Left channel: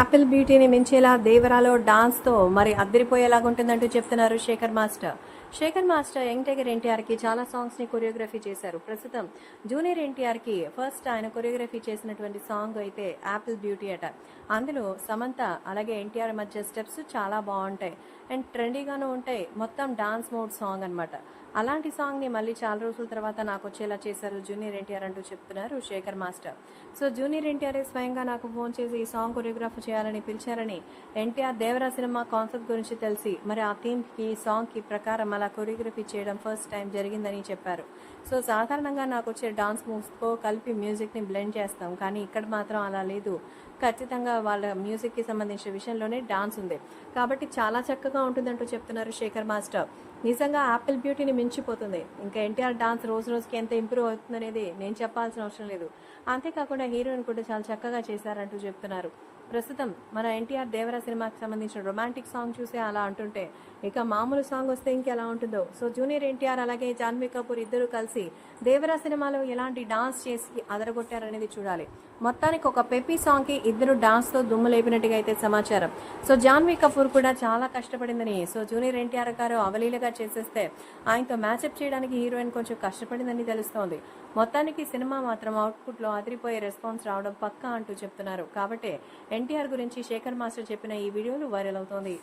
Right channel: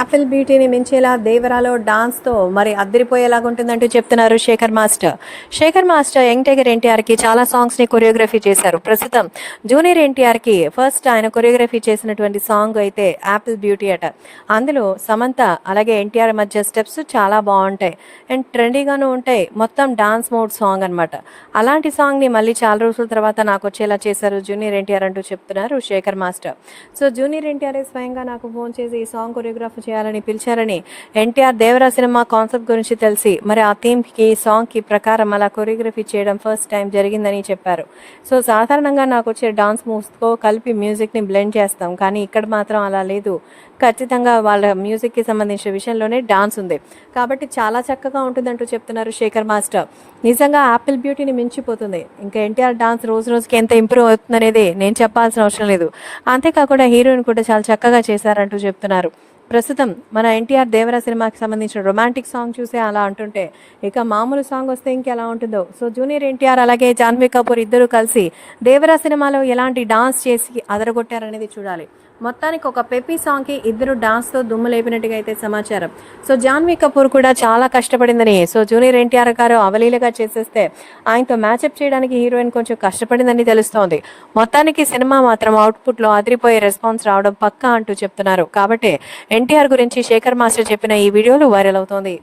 Apple బ్యూటీని మించేలా దేవరాలో డాన్స్తో మరి అద్దరిపోయేలాగా ఉంటుందంటూ చెప్తున్నారు Shekhar master. Shekhar master young tiger ఎన్టీఆర్కి చాలా సాంగ్స్ని కొరియోగ్రఫీ చేశారు. ప్రస్తుతం జూనియర్ ఎన్టీఆర్కి ఫస్ట్ ఆయన కొరియోగ్రఫీ చేసినటువంటి సాంగ్ అయితే యాపిల్ బ్యూటీ అట. అందులో సమంత అలాగే ఎన్టీఆర్ మధ్య స్టెప్స్ చాలా బాగుంటాయి అండ్ ట్రెండీగాను ఉంటాయి. మొత్తం డాన్స్ మోడ్ సాంగ్ అనమాట. అలాంటి సాంగ్ని మళ్ళీ చాలా రోజుల తర్వాత నాకు వచ్చేలా చేశారు జూనియర్ ఎన్టీఆర్ అంటూ చెప్తున్నారు Shekhar master. So junior NTR స్వయంగా నాకు ఫోన్ చేసి ఈ సాంగ్ కొరియోగ్రఫీ చేయాలని పిలిచారని, ఎన్టీఆర్ దేవరా సినిమా కాన్సెప్ట్ గురించి తెలిసి మరి ఆ థీమ్కి సాంగ్కి ప్రకారం అలా కొరియోగ్రఫీ చేయడం ఫస్ట్ టైం జరిగిందని చెప్పారు. సో సాధారణంగా నాకు వచ్చే డాన్స్ మూవ్స్తో కలిపి మ్యూజిక్ని బ్లెండ్ చేస్తాం, కానీ ఇక్కడ మాత్రం అలా లేదు. ఖచ్చితంగా వాళ్ళ మ్యూజిక్కి సంబంధించిన విషయంలోనే డాన్స్ ఉంది కాబట్టి చాలా చక్కగా ఉంటుందంటూ చెప్తున్నారు శేఖర్ మాస్టర్. నిజంగా యాపిల్ బ్యూటీని మించిపోతుంది. ఇంకా ఎన్టీఆర్ డాన్స్ రోజు రోజుకి ఎంత ఇంప్రూవ్ అవుతుందనేది నేను చెప్పాల్సిన అవసరం లేదు. అంతేకాకుండా హీరోయిన్ కూడా చాలా చక్కగా చేశారంటూ చెప్తున్నారు. ప్రస్తుతం మన ఎన్టీఆర్ దేవరా సినిమాకి సంబంధించిన రొమాంటిక్ సాంగ్ చూసే అలా అంటుంటే ఇక మామూలు సాంగ్ వస్తే ఇంకెలా ఉంటుందో. సో జూనియర్ ఎన్టీఆర్ అలాగే జాన్వీ కపూర్ ఇద్దరు కలిసి దేవరా సినిమాలో ఎలాంటి డాన్స్ చేసి అదరగొట్టారనేది చూడాలి. మొత్తానికి ఒక పెప్పీ సాంగ్కి ఇద్దరు డాన్స్తో దుమ్ము లేపినట్టుగా అయితే సమాచారం. సో జాన్వీ కపూర్ కూడా చాలా కష్టపడిందని, సో జూనియర్ ఎన్టీఆర్ గారు అవలీలగా చేసేస్తే ఆయనతో మ్యాచప్ చేయడానికి హీరోయిన్ కొంచెం కష్టపడిందని తెలుస్తోంది. మొత్తానికి సినిమా మాత్రం అవుట్పుట్లో అదిరిపోయే రెస్పాన్స్ రావడం పక్కా అంటూ చెప్తున్నారు. కాబట్టి ఎన్టీఆర్ గురించి శేఖర్ మాస్టర్ చెప్పిన ఈ వీడియోలు వైరల్ అవుతోంది.